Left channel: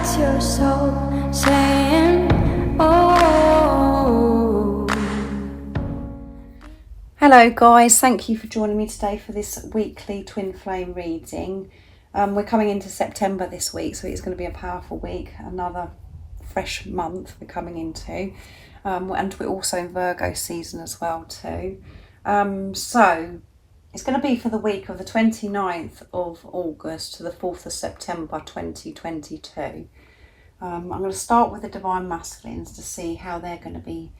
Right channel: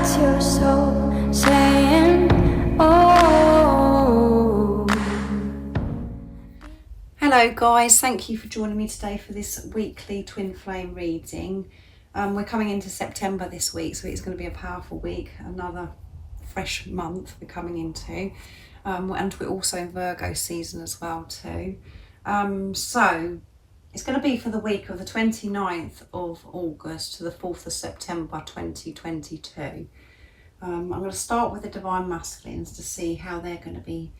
That's your soul saying, oh. Hello guys, thank you for joining me today for this weekly twin flame reading. We're coming into September this week, so it's going to be a powerful week, another fresh month we're coming into, and we're also in Virgo season as well too. So it's going to be for the week of the 29th of August to the 4th of September 2022. I'm going to start with the Divine Masculines to see how they're going to be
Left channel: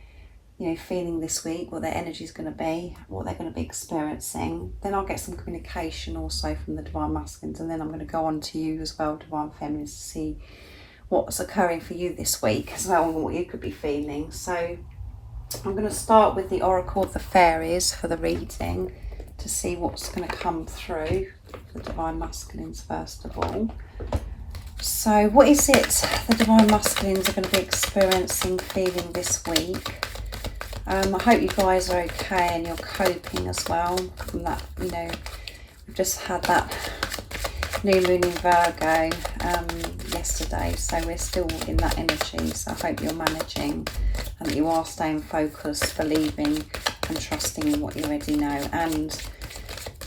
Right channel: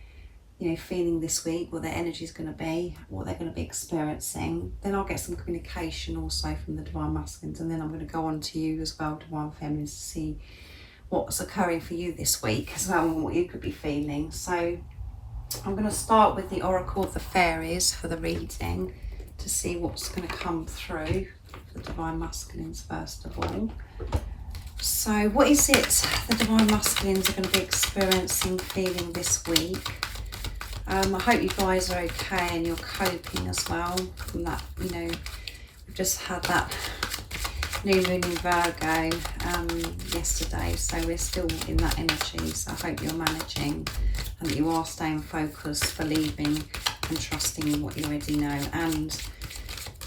feeling this week, what their energy is going to be, what they're going to be experiencing. Then I'll get some communication also from the Divine Masculines, and then I'm going to go on to you as well, Divine Feminines, to see what's occurring for you this week as well and what you could be feeling. So I'm going to start with the Oracle of the Fairies for the reading to see what's going to come through for the Divine Masculines first of all. So what is it the Divine Masculines are going to be experiencing, feeling this week? I hope you guys are okay and you're coping as well from that. We've just had that new moon in Virgo yesterday, so we're still in that energy. So I hope you're managing and that you are staying focused, believing and trusting in what you already know. And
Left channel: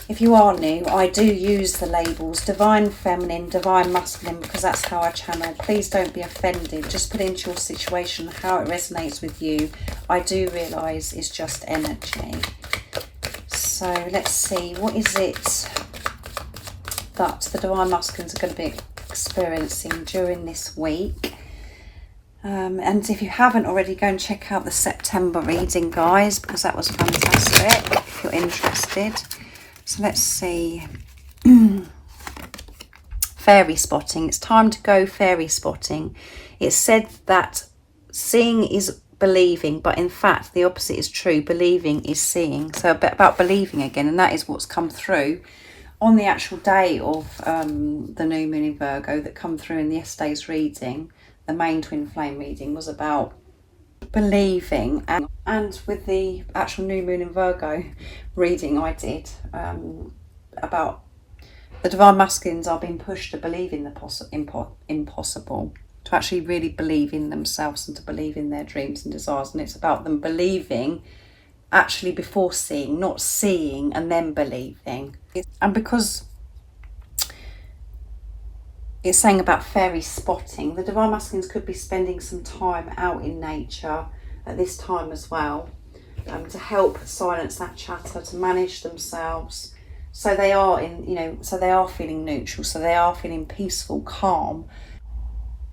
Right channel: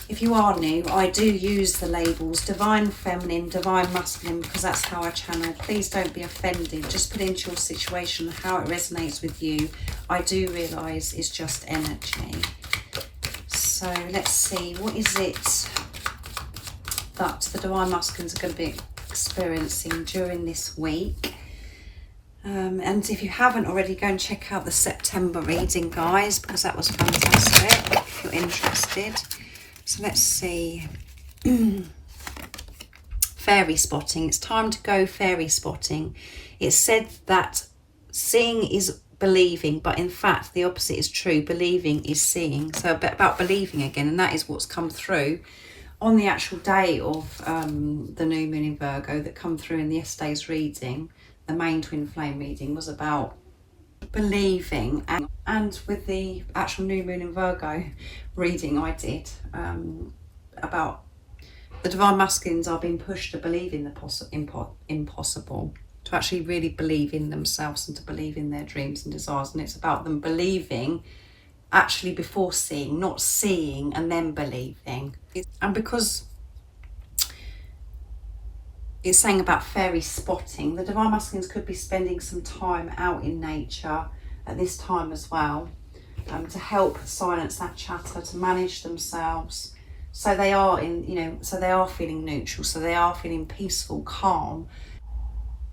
if you are new, I do use the labels Divine Feminine, Divine Masculine, because that's how I channel. Please don't be offended. Just put into your situation how it resonates with you. I do realise it's just energy. So let's see, what is it that the Divine Masculines are going to be experiencing during this week? And if you haven't already, go and check out the September reading, guys, because that was fantastic, if you're interested. So let's see. Fairy spotting. It's time to go fairy spotting. It's said that seeing is believing, but in fact the opposite is true. Believing is seeing. So a bit about believing again, and that is what's come through on the actual day of the new moon in Virgo that come through in yesterday's reading. The main twin flame reading was about believing, and with the actual new moon in Virgo reading I did about the Divine Masculines are being pushed to believe in the impossible, to actually really believe in themselves and to believe in their dreams and desires. And it's about them believing actually before seeing, not seeing and then believing. And because it's saying about fairy spotting, the Divine Masculines could be spending some time out in nature at this time as well, to help silence that chatter, to manage themselves, so they are so they are feeling neutral, so they are feeling peaceful, calm,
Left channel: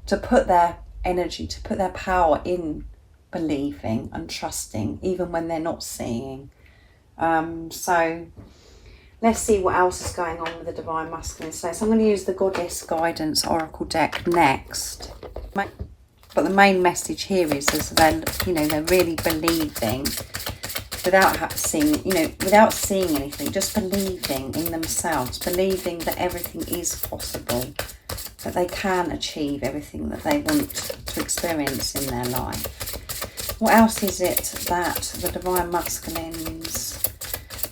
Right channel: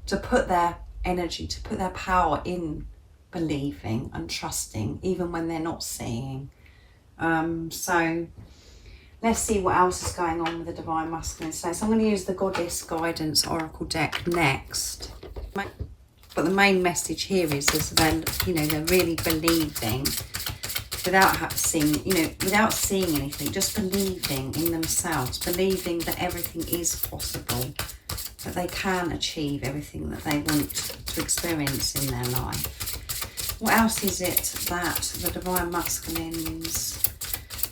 to put their energy, to put their power in believing and trusting, even when they're not seeing. So let's see what else is going on with the Divine Masculine today. So I'm going to use the Goddess Guidance Oracle deck next. But the main message here is that they're really believing without seeing, without seeing anything, just believing in themselves, believing that everything is possible, that they can achieve everything that they want to experience in their life. What else is it that the Divine Masculines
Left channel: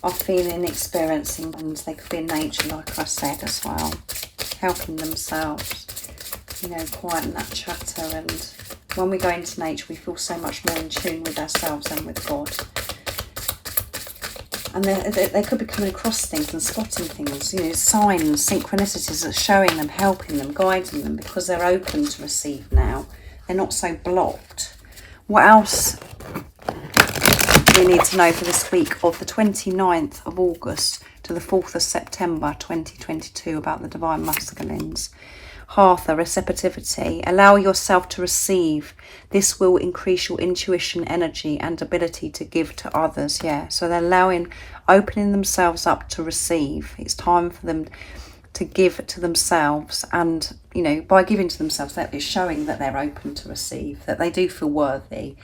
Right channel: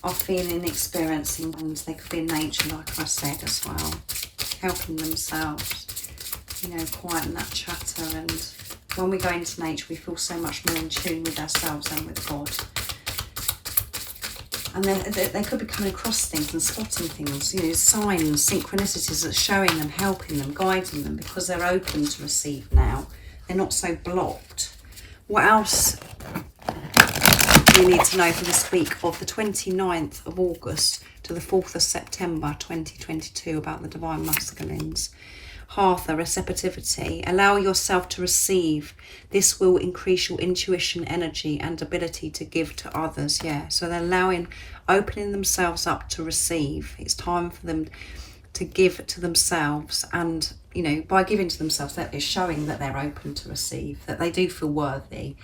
are feeling, experiencing? And they could be in nature, like I said as well, helping themselves, quieten that chatter. And when we go into nature, we feel so much more in tune with ourselves and with God. And they could be coming across things and spotting things, signs, synchronicities that's showing them, helping them, guiding them, because they're open to receive now. They're not so blocked. What else we need to know for this week of the 29th of August to the 4th of September 2022 about the Divine Masculines? Hatha, receptivity. Allow yourself to receive. This will increase your intuition, energy and ability to give to others. Yeah, so they're opening themselves up to receive. It's time for them to give to themselves, and by giving to themselves, that is showing that they're open to receive, that they do feel worthy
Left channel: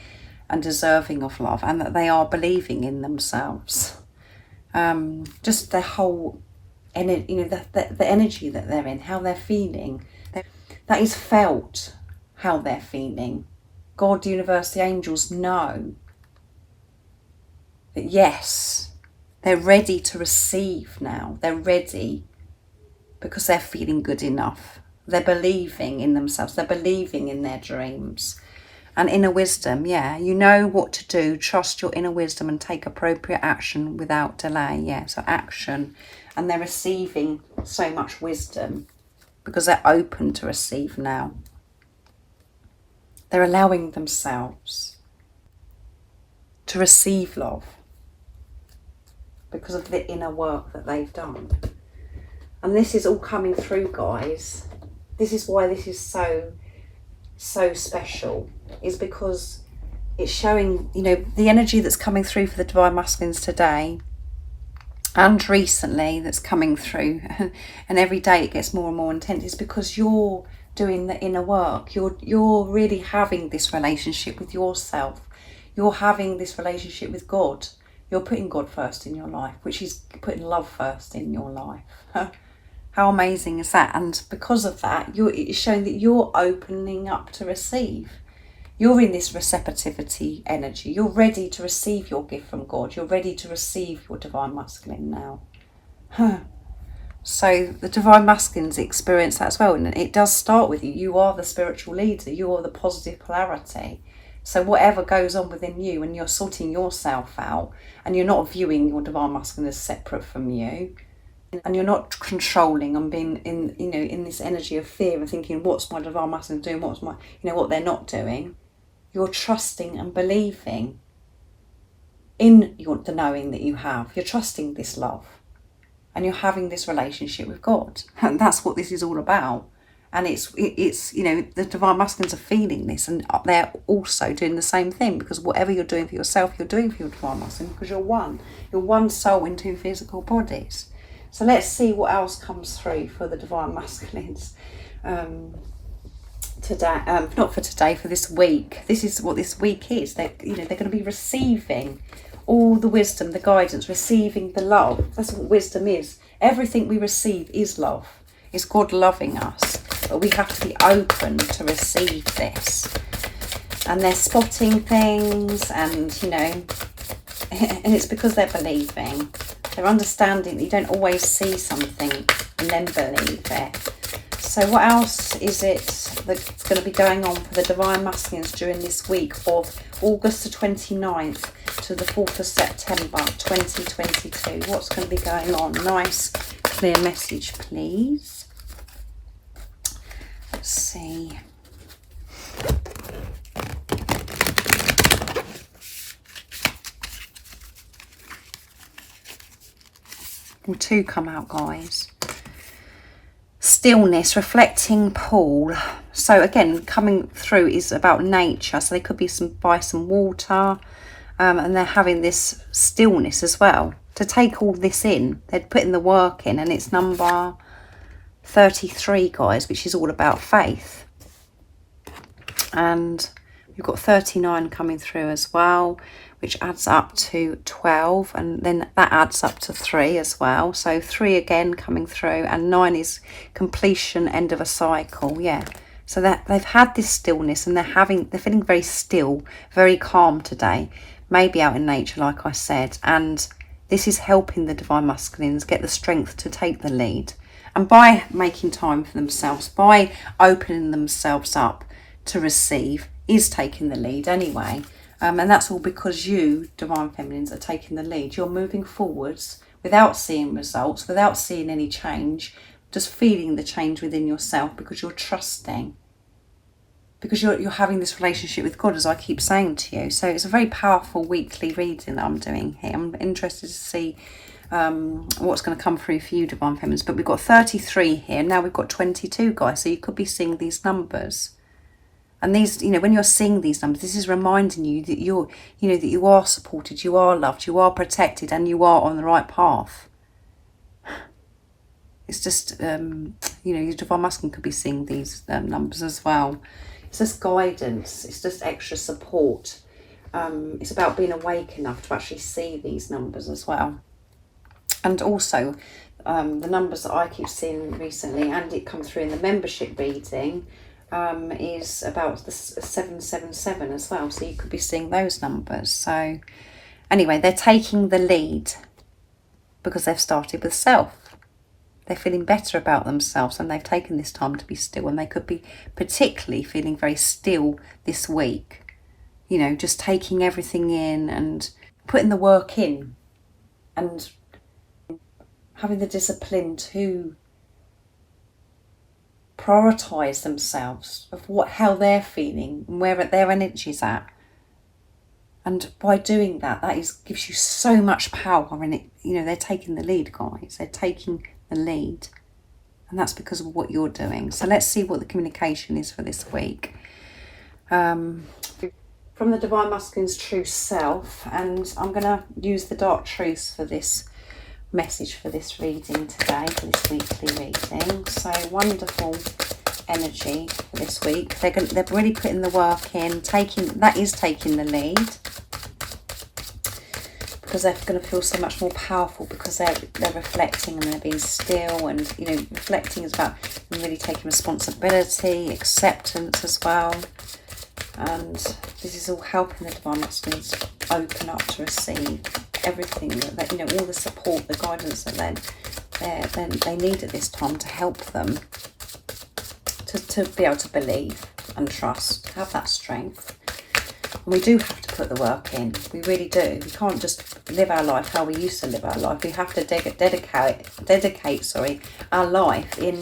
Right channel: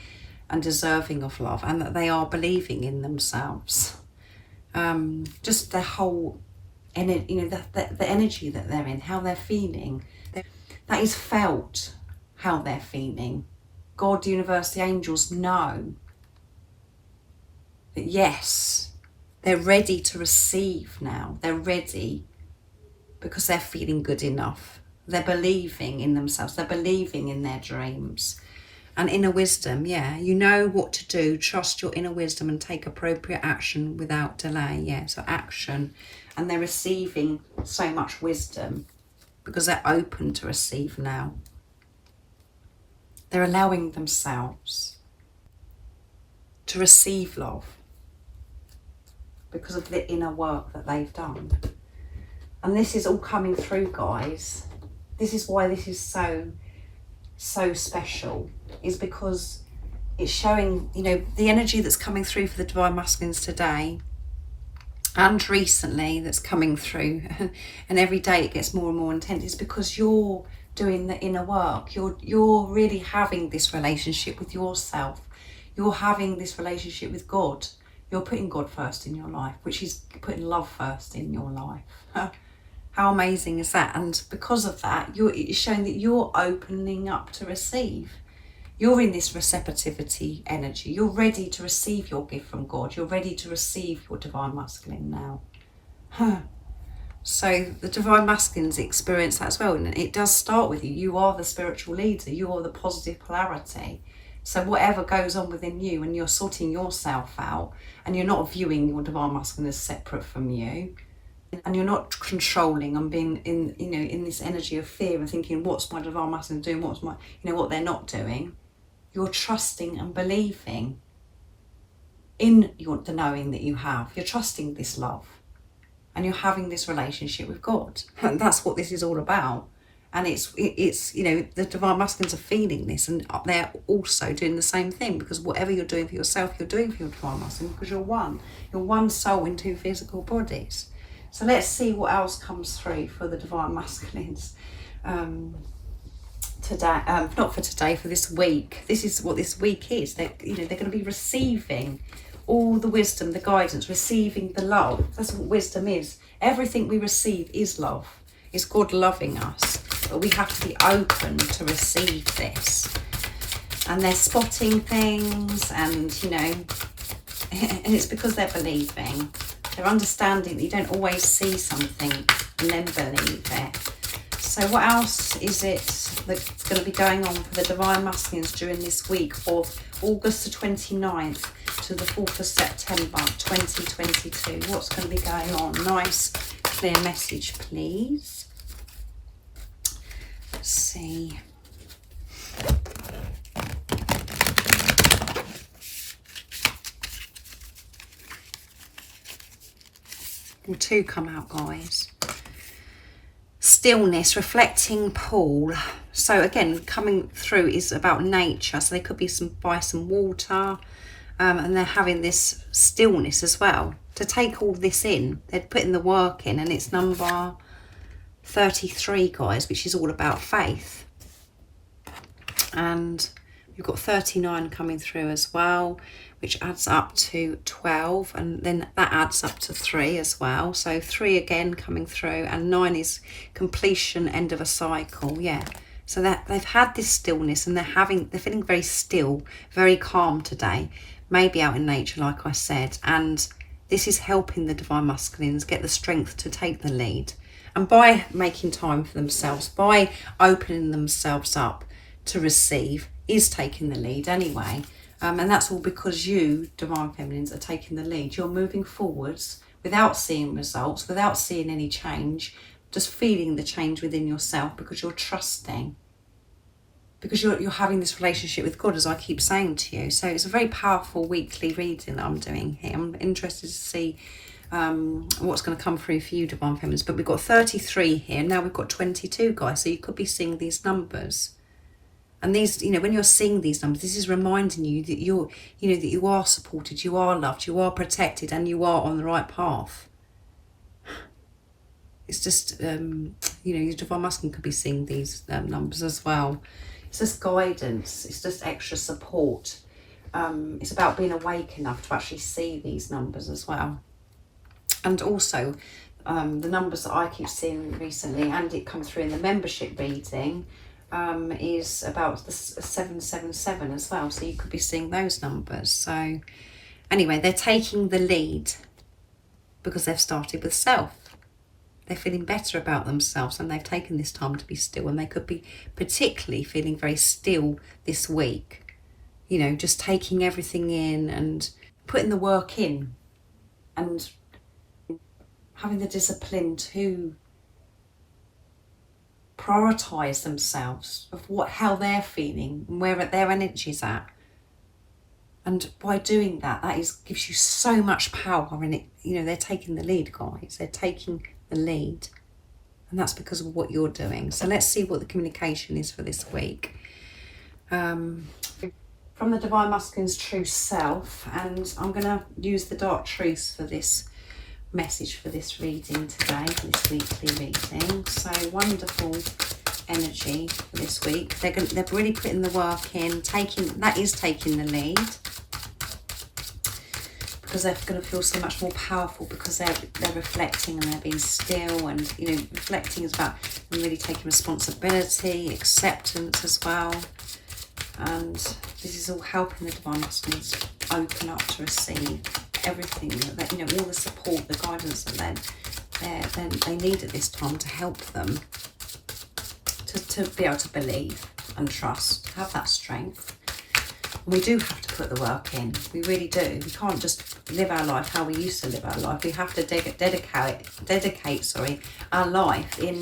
and deserving of love, and that they are believing in themselves. Just their whole the energy that they're in, how they're feeling, that is felt, how they're feeling. God, universe, the angels know that yes, they're ready to receive now. They're ready because they're feeling good enough. They're believing in themselves. They're believing in their dreams. And inner wisdom, yeah, you know what to do. Trust your inner wisdom and take appropriate action without delay. Yeah, so action. And they're receiving so much wisdom because they're open to receive now. They're allowing themselves to receive love because of the inner work that they've done. And this is all coming through, guys. This is why this is so special, is because it's showing, you know, the energy that's coming through for the Divine Masculines today and recently that's coming through, and every day it gets more and more intense, is because you're doing the inner work. You're really having this relationship with yourself. You're having this relationship with God. You're putting God first in your life, which is putting love first in your life. How amazing is that? And because of that, it's showing that you're opening up to receive. You're in this receptivity energy. You're ready to receive your gift from God. You're ready to receive your Divine Masculine now. So the Divine Masculines experience that as well. And it does start with you. You are the spiritual leader. You are the positive polarity. So whatever goes on within you, and you're sorting yourself out, and you're not viewing your Divine Masculine as separate from you, and you're not controlling and being in this energy of fear and thinking, what's my Divine Masculine doing, what's my, what they're not doing. You're trusting and believing in the knowing that you have. You're trusting this love, and you're having this relationship with God, and that's what this is all about. And it's the Divine Masculines are feeling this, and they're also doing the same thing, because whatever you're doing for yourself, you're doing for your Divine Masculine, because you're one soul in two physical bodies. So let's see what else comes through for the Divine Masculines today. Not for today, for this week. This is what this week is. They're going to be receiving all the wisdom, the guidance, receiving the love. That's what wisdom is. Everything we receive is love. It's God loving us, but we have to be open to receive this. And they're spotting things, and and it's because they're believing. They're understanding that you don't always see something and then believe it. So what else is it that's going to be going on for the Divine Masculines during this week of August the 29th to the 4th of September 2022? What's going to be going on? Nice, clear message, please. Let's see. And two come out, guys. Stillness, reflecting pool. So again, coming through is about nature. So they could be by some water, and they're having this stillness as well to take all this in. They're putting the work in, and it's number 33, guys, which is all about faith. And we've got 39 coming through as well, which adds up to 12, and then that adds up to 3 as well. So 3 again coming through, and 9 is completion, end of a cycle. Yeah. So that they've had this stillness, and they're feeling very still, very calm today, maybe out in nature, like I said. And this is helping the Divine Masculines get the strength to take the lead. And by making time for themselves, by opening themselves up to receive, is taking the lead anyway. And that's all because you, Divine Feminines, are taking the lead. You're moving forwards without seeing results, without seeing any change, just feeling the change within yourself, because you're trusting, because you're having this relationship with God, as I keep saying to you. So it's a very powerful weekly reading that I'm doing here. I'm interested to see what's going to come through for you, Divine Feminines. But we've got 33 here. Now we've got 22, guys. So you could be seeing these numbers. And these, when you're seeing these numbers, this is reminding you that that you are supported, you are loved, you are protected, and you are on the right path. It's just, your Divine Masculine could be seeing these numbers as well. It's just guidance. It's just extra support. It's about being awake enough to actually see these numbers as well. And also, the numbers that I keep seeing recently, and it comes through in the membership reading, is about the 777 as well. So you could be seeing those numbers. So anyway, they're taking the lead because they've started with self. They're feeling better about themselves and they've taken this time to be still, and they could be particularly feeling very still this week. You know, just taking everything in and putting the work in and having the discipline to prioritise themselves of how they're feeling and where their energy's at. And by doing that, gives you so much power in it. You know, they're taking the lead, guys. They're taking the lead. And that's because of what you're doing. So let's see what the communication is for this week. From the Divine Masculine's True Self. And I'm going to use the Dark Truths for this message, for this reading today, for this weekly reading. So wonderful energy for this week. They're really putting the work in, taking the lead, because they're going to feel so much more powerful, because they're reflecting and they're being still, and you know, reflecting is about them really taking responsibility, acceptance as well. And this is all helping the Divine Masculines open up to receive everything that you know, all the support, the guidance that they need at this time to help them to be able to believe and trust, have that strength. And we do have to put the work in. We really do. We can't just live our life how we used to live our life. We have to dedicate our life in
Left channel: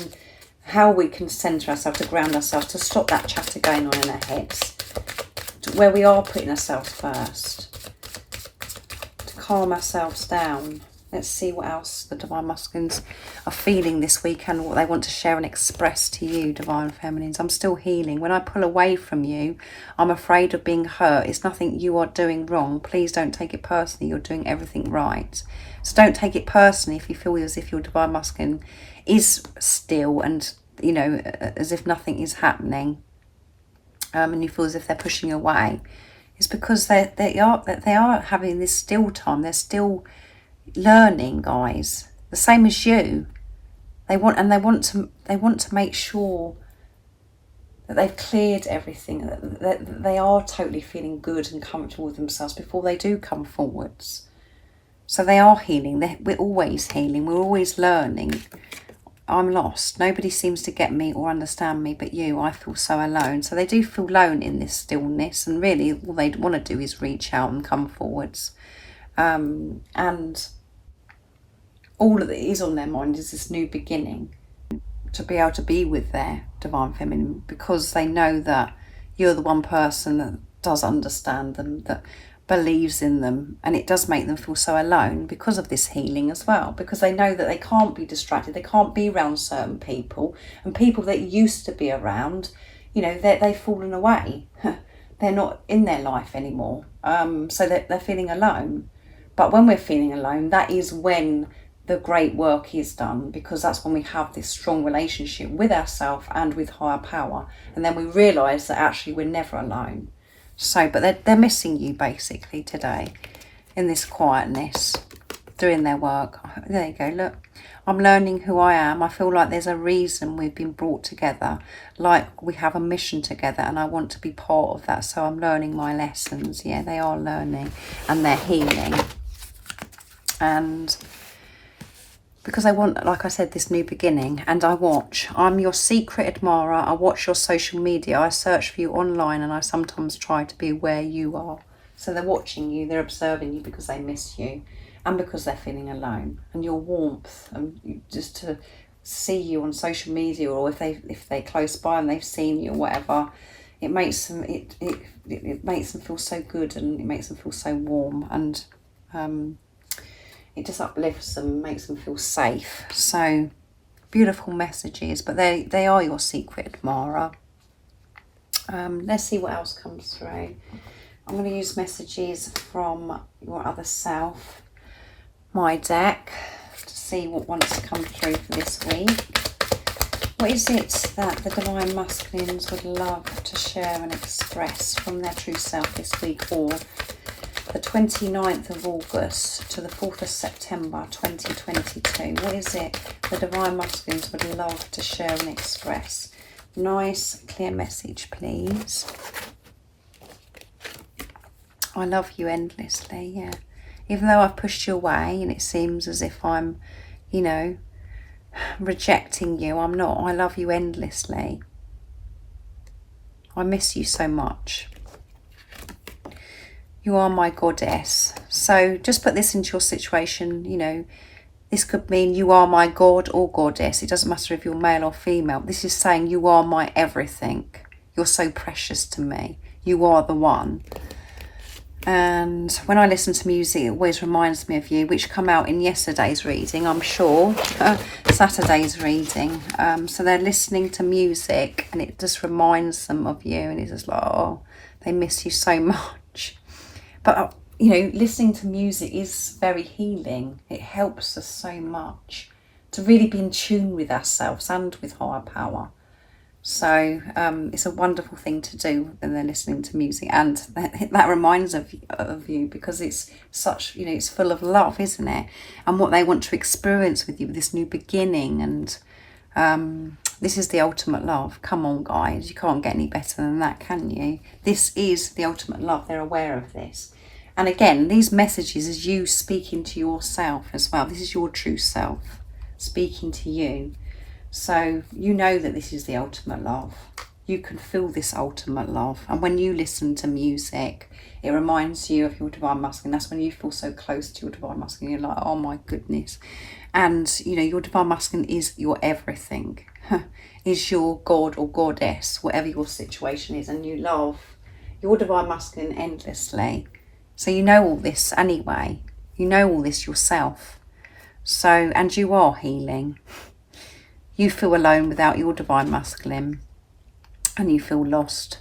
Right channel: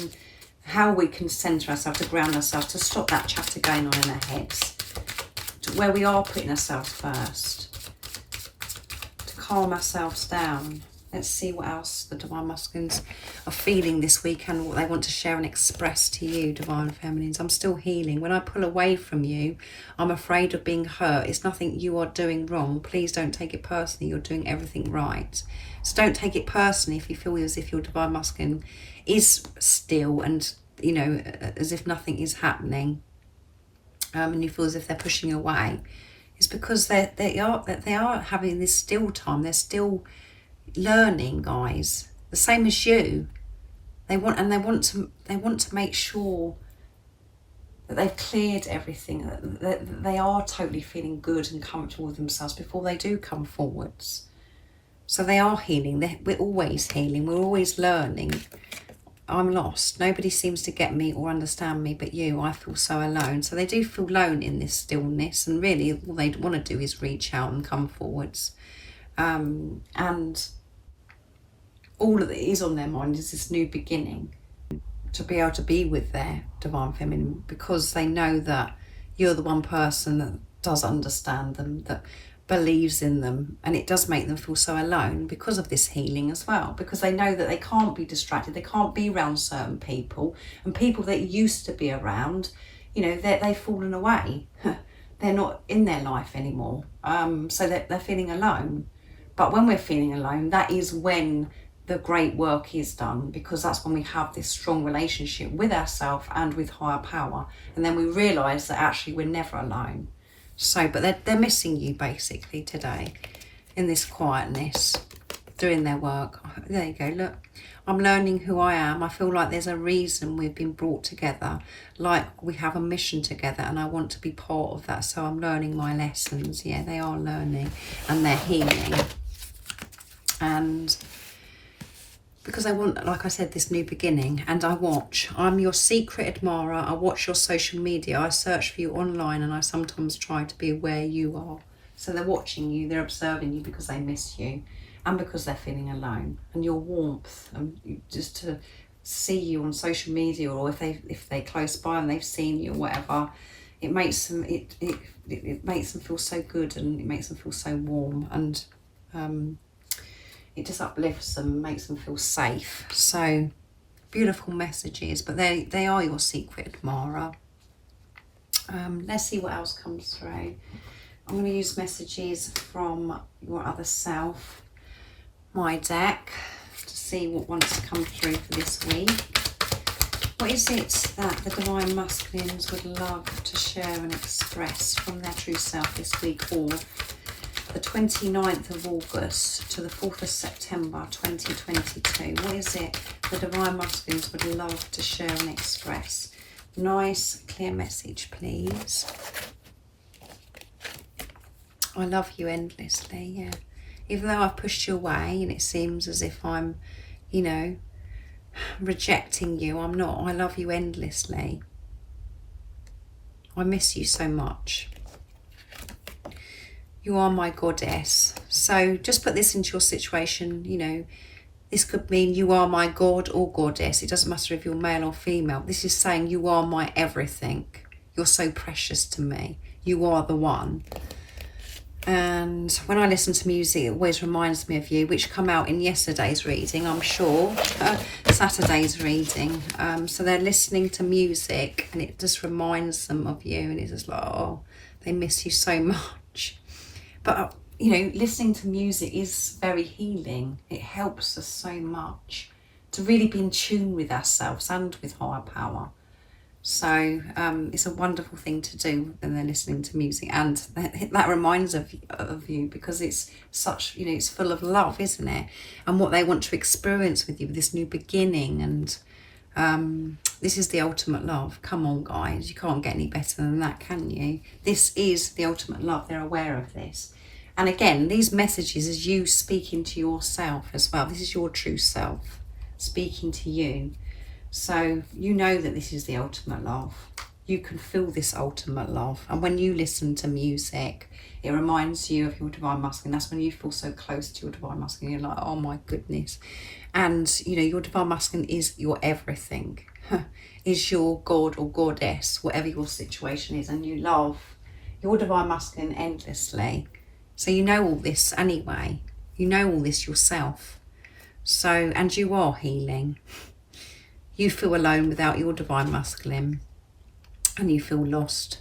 how we can centre ourselves, to ground ourselves, to stop that chatter going on in our heads, to where we are putting ourselves first, to calm ourselves down. Let's see what else the Divine Masculines are feeling this week and what they want to share and express to you, Divine Feminines. I'm still healing. When I pull away from you, I'm afraid of being hurt. It's nothing you are doing wrong. Please don't take it personally. You're doing everything right. So don't take it personally if you feel as if your Divine Masculine is still and, you know, as if nothing is happening, and you feel as if they're pushing away. It's because they are having this still time. They're still learning, guys, the same as you. They want to make sure that they've cleared everything, that they are totally feeling good and comfortable with themselves before they do come forwards. So they are healing. We're always healing. We're always learning. I'm lost. Nobody seems to get me or understand me but you. I feel so alone. So they do feel alone in this stillness, and really all they want to do is reach out and come forwards. And all that is on their mind is this new beginning, to be able to be with their Divine Feminine, because they know that you're the one person that does understand them, that believes in them, and it does make them feel so alone because of this healing as well, because they know that they can't be distracted, they can't be around certain people, and people that used to be around, you know, they've fallen away. They're not in their life anymore, so they're feeling alone. But when we're feeling alone, that is when the great work is done, because that's when we have this strong relationship with ourselves and with higher power, and then we realise that actually we're never alone. So, but they're missing you basically today in this quietness, doing their work. There you go, look. I'm learning who I am. I feel like there's a reason we've been brought together, like we have a mission together, and I want to be part of that. So I'm learning my lessons. Yeah, they are learning and they're healing. And because I want, like I said, this new beginning, and I'm your secret admirer. I watch your social media. I search for you online, and I sometimes try to be where you are. So they're watching you, they're observing you because they miss you, and because they're feeling alone. And your warmth, and just to see you on social media, or if they're close by and they've seen you or whatever, it makes them it makes them feel so good, and it makes them feel so warm, and it just uplifts them, makes them feel safe. So beautiful messages, but they are your secret admirer. Let's see what else comes through. I'm going to use messages from your other self, my deck, to see what wants to come through for this week. What is it that the Divine Masculines would love to share and express from their true self this week, or the 29th of August to the 4th of September 2022. What is it the Divine Masculines would love to share and express? Nice, clear message, please. I love you endlessly, yeah. Even though I've pushed you away and it seems as if I'm, you know, rejecting you. I'm not. I love you endlessly. I miss you so much. You are my goddess. So just put this into your situation, you know. This could mean you are my god or goddess. It doesn't matter if you're male or female. This is saying you are my everything. You're so precious to me. You are the one. And when I listen to music, it always reminds me of you, which come out in yesterday's reading, I'm sure, Saturday's reading. So they're listening to music and it just reminds them of you, and it's just like, oh, they miss you so much. But, you know, listening to music is very healing. It helps us so much to really be in tune with ourselves and with higher power. So it's a wonderful thing to do when they're listening to music, and that reminds of you, because it's such, you know, it's full of love, isn't it? And what they want to experience with you, with this new beginning, and this is the ultimate love. Come on, guys, you can't get any better than that, can you? This is the ultimate love. They're aware of this. And again, these messages is you speaking to yourself as well. This is your true self speaking to you. So you know that this is the ultimate love. You can feel this ultimate love. And when you listen to music, it reminds you of your divine masculine. That's when you feel so close to your divine masculine. You're like, oh my goodness. And, you know, your divine masculine is your everything. Is your god or goddess, whatever your situation is. And you love your divine masculine endlessly. So you know all this anyway. You know all this yourself. So, and you are healing. You feel alone without your divine masculine, and you feel lost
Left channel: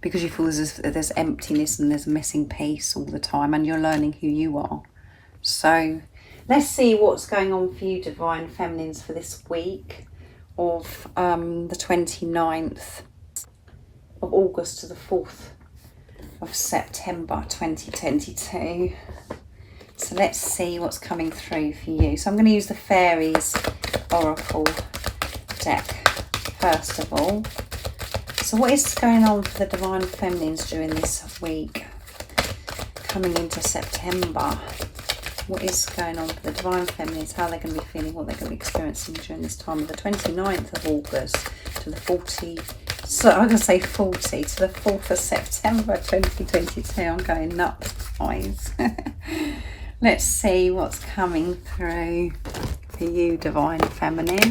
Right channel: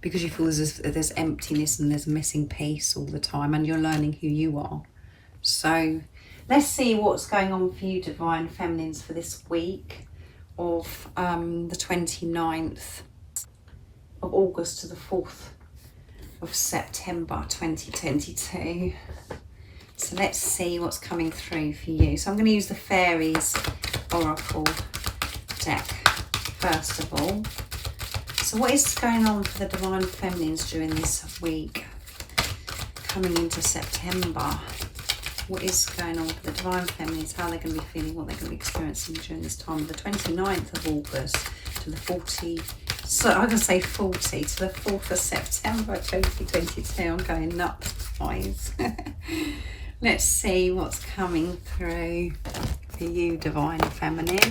because you feel there's emptiness and there's a missing piece all the time, and you're learning who you are. So let's see what's going on for you, divine feminines, for this week of the 29th of August to the 4th of September 2022. So let's see what's coming through for you. So I'm going to use the Fairies Oracle deck first of all. So what is going on for the divine feminines during this week coming into September? What is going on for the divine feminines? How they're going to be feeling, what they're going to be experiencing during this time, the 29th of August to the 40th, so I'm going to say 40 to the 4th of September 2022. I'm going nuts, guys. Let's see what's coming through for you, divine feminines.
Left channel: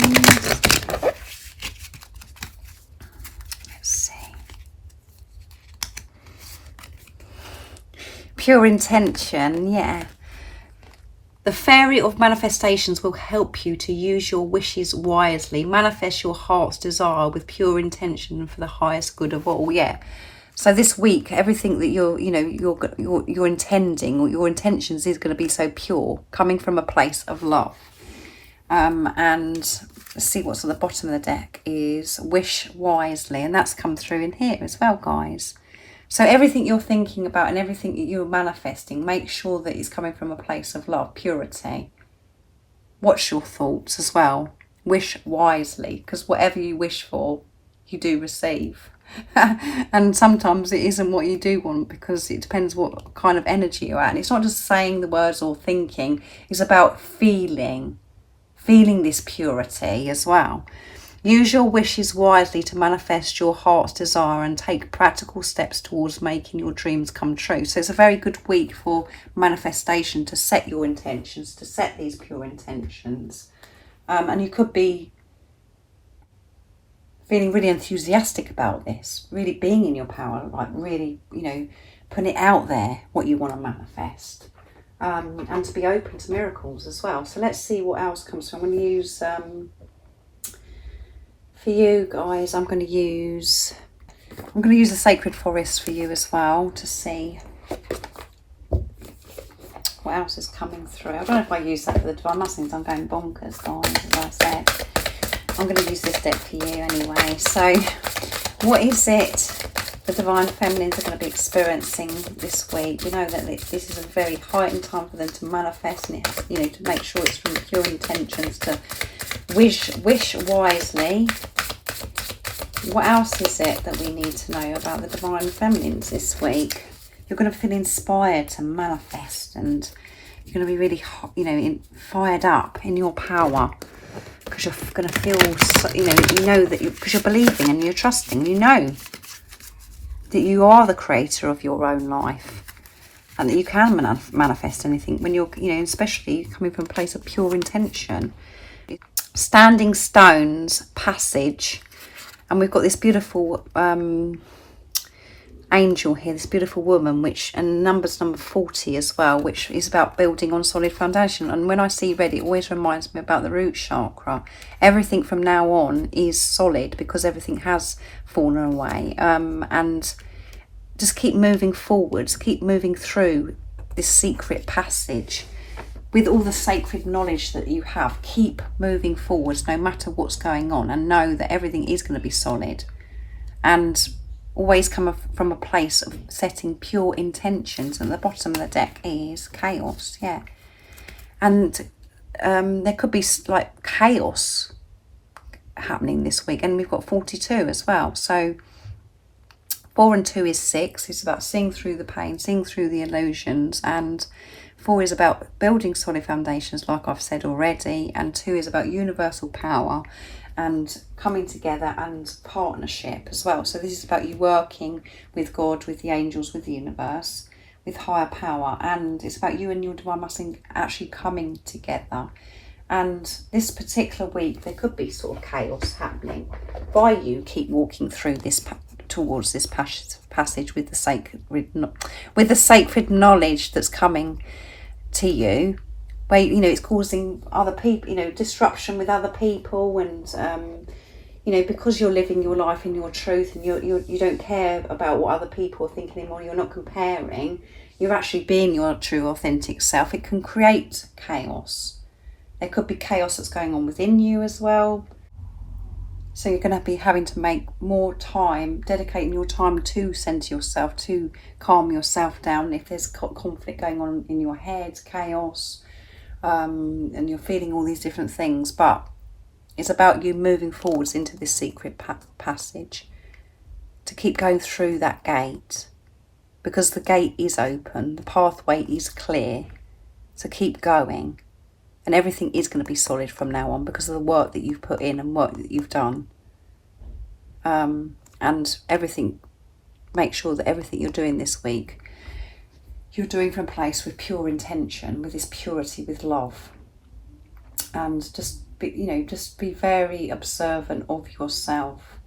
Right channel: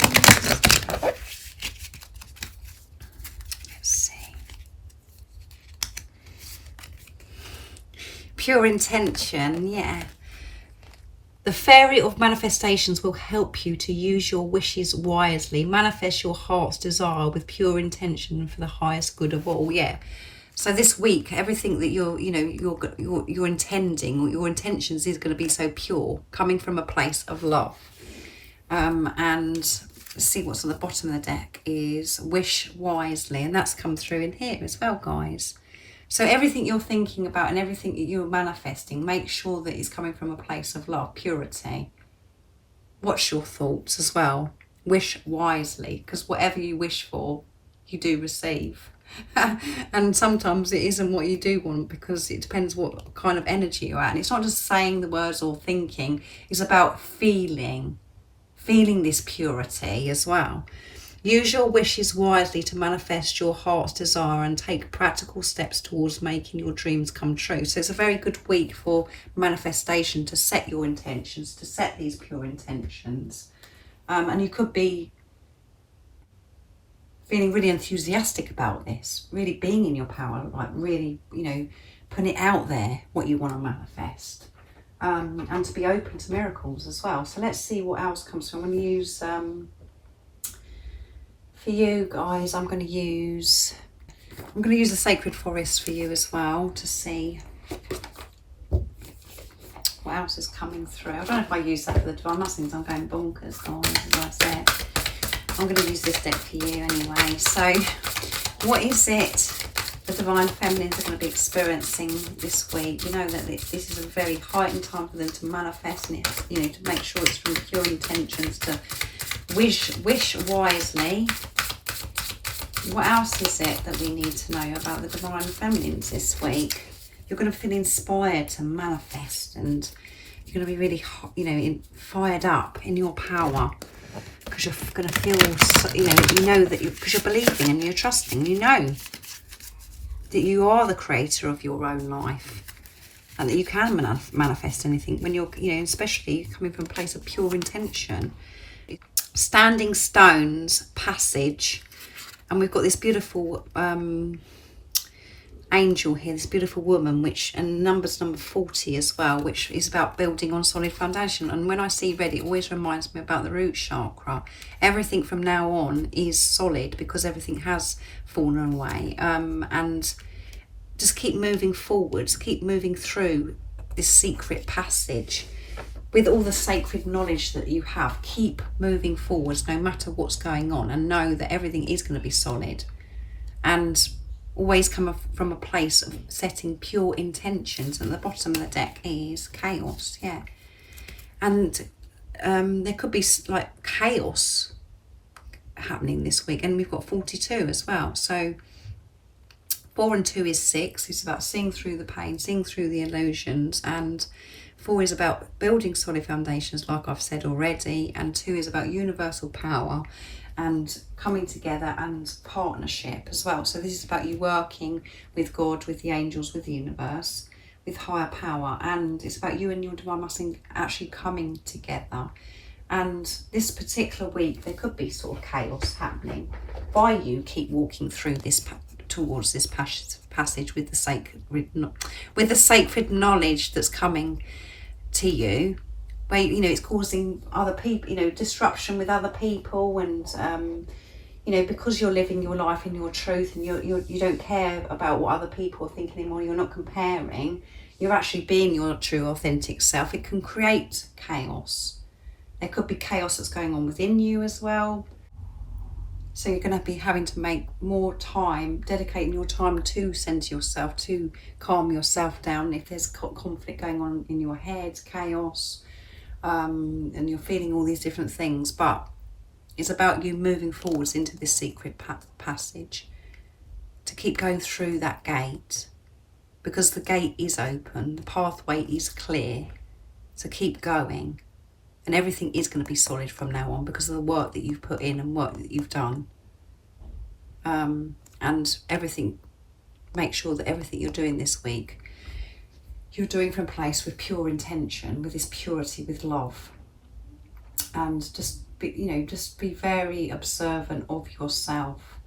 Let's see. Pure intention, yeah. The Fairy of Manifestations will help you to use your wishes wisely. Manifest your heart's desire with pure intention for the highest good of all. Yeah. So this week, everything that you're intending, or your intentions, is going to be so pure, coming from a place of love. And let's see what's on the bottom of the deck is wish wisely, and that's come through in here as well, guys. So everything you're thinking about and everything that you're manifesting, make sure that it's coming from a place of love, purity. Watch your thoughts as well. Wish wisely, because whatever you wish for, you do receive. And sometimes it isn't what you do want, because it depends what kind of energy you're at. And it's not just saying the words or thinking, it's about feeling this purity as well. Use your wishes wisely to manifest your heart's desire and take practical steps towards making your dreams come true. So it's a very good week for manifestation, to set your intentions, to set these pure intentions. And you could be feeling really enthusiastic about this, really being in your power, like really, putting it out there, what you want to manifest. And to be open to miracles as well. So let's see what else comes from. I'm going to use... for you guys, I'm going to use the Sacred Forest for you as well, to see what else is coming through. I don't know if I use that for the divine masculines. I'm going bonkers, guys, as I said. I'm going to use this deck for you anyway. So what is it the divine feminines are going to be experiencing this week? You know that this is a very heightened time for them to manifest, and it, to make sure it's from pure intentions, to wish wisely. What else is it that we need to know about the divine feminines this week? You're going to feel inspired to manifest, and you're going to be really, fired up in your power. because you're going to feel, you know that because you're believing and you're trusting, you know that you are the creator of your own life and that you can manifest anything when you're, especially coming from a place of pure intention. Standing Stones passage, and we've got this beautiful angel here, this beautiful woman, and number 40 as well, which is about building on solid foundation. And when I see red, it always reminds me about the root chakra. Everything from now on is solid because everything has fallen away, and just keep moving forwards, keep moving through this secret passage with all the sacred knowledge that you have. Keep moving forwards no matter what's going on, and know that everything is going to be solid, and always come from a place of setting pure intentions. At the bottom of the deck is chaos, and there could be like chaos happening this week. And we've got 42 as well, so 4 and 2 is 6. It's about seeing through the pain, seeing through the illusions, and 4 is about building solid foundations, like I've said already, and 2 is about universal power and coming together and partnership as well. So this is about you working with God, with the angels, with the universe, with higher power, and it's about you and your divine masculine actually coming together. And this particular week there could be sort of chaos happening by you keep walking through this towards this passage with the sacred knowledge that's coming to you, where it's causing other people, disruption with other people, and because you're living your life in your truth, and you don't care about what other people are thinking anymore. You're not comparing. You're actually being your true, authentic self. It can create chaos. There could be chaos that's going on within you as well. So you're going to be having to make more time, dedicating your time to center yourself, to calm yourself down. If there's conflict going on in your head, chaos, and you're feeling all these different things, but it's about you moving forwards into this secret passage, to keep going through that gate, because the gate is open, the pathway is clear. So keep going. And everything is going to be solid from now on because of the work that you've put in and work that you've done. And everything, make sure that everything you're doing this week, you're doing from a place with pure intention, with this purity, with love. And just be very observant of yourself.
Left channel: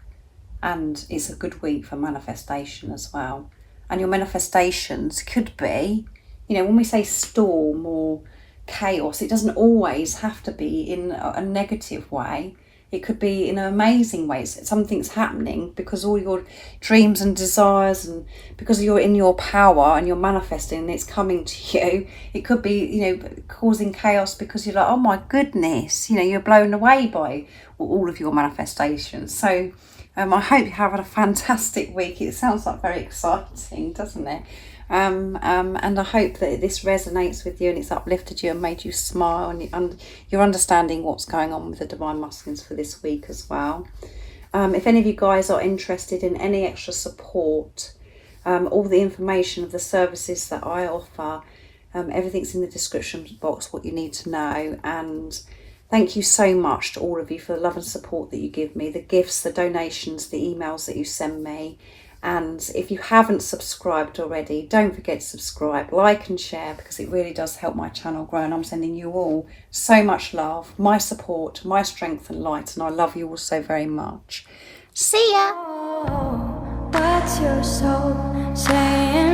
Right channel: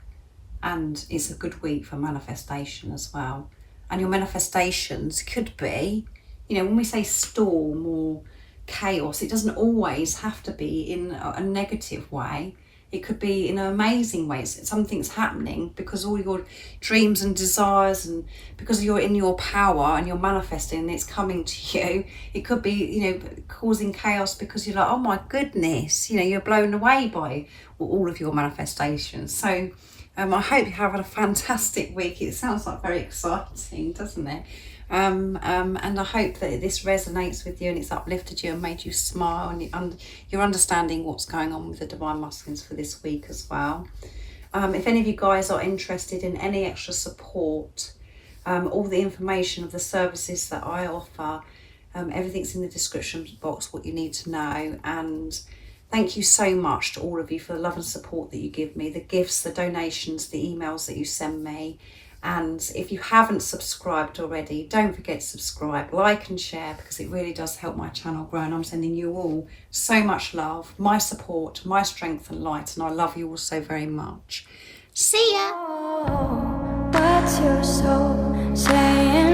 And it's a good week for manifestation as well. And your manifestations could be, when we say storm or chaos, it doesn't always have to be in a negative way. It could be in an amazing way. Something's happening because all your dreams and desires, and because you're in your power and you're manifesting and it's coming to you. It could be, causing chaos because you're like, oh my goodness, you're blown away by all of your manifestations. So I hope you're having a fantastic week. It sounds like very exciting, doesn't it? And I hope that this resonates with you and it's uplifted you and made you smile, and you're understanding what's going on with the Divine Masculines for this week as well. If any of you guys are interested in any extra support, all the information of the services that I offer, everything's in the description box, what you need to know. And thank you so much to all of you for the love and support that you give me, the gifts, the donations, the emails that you send me. And if you haven't subscribed already, don't forget to subscribe, like and share, because it really does help my channel grow. And I'm sending you all so much love, my support, my strength and light. And I love you all so very much. See ya. Oh, what's your soul saying?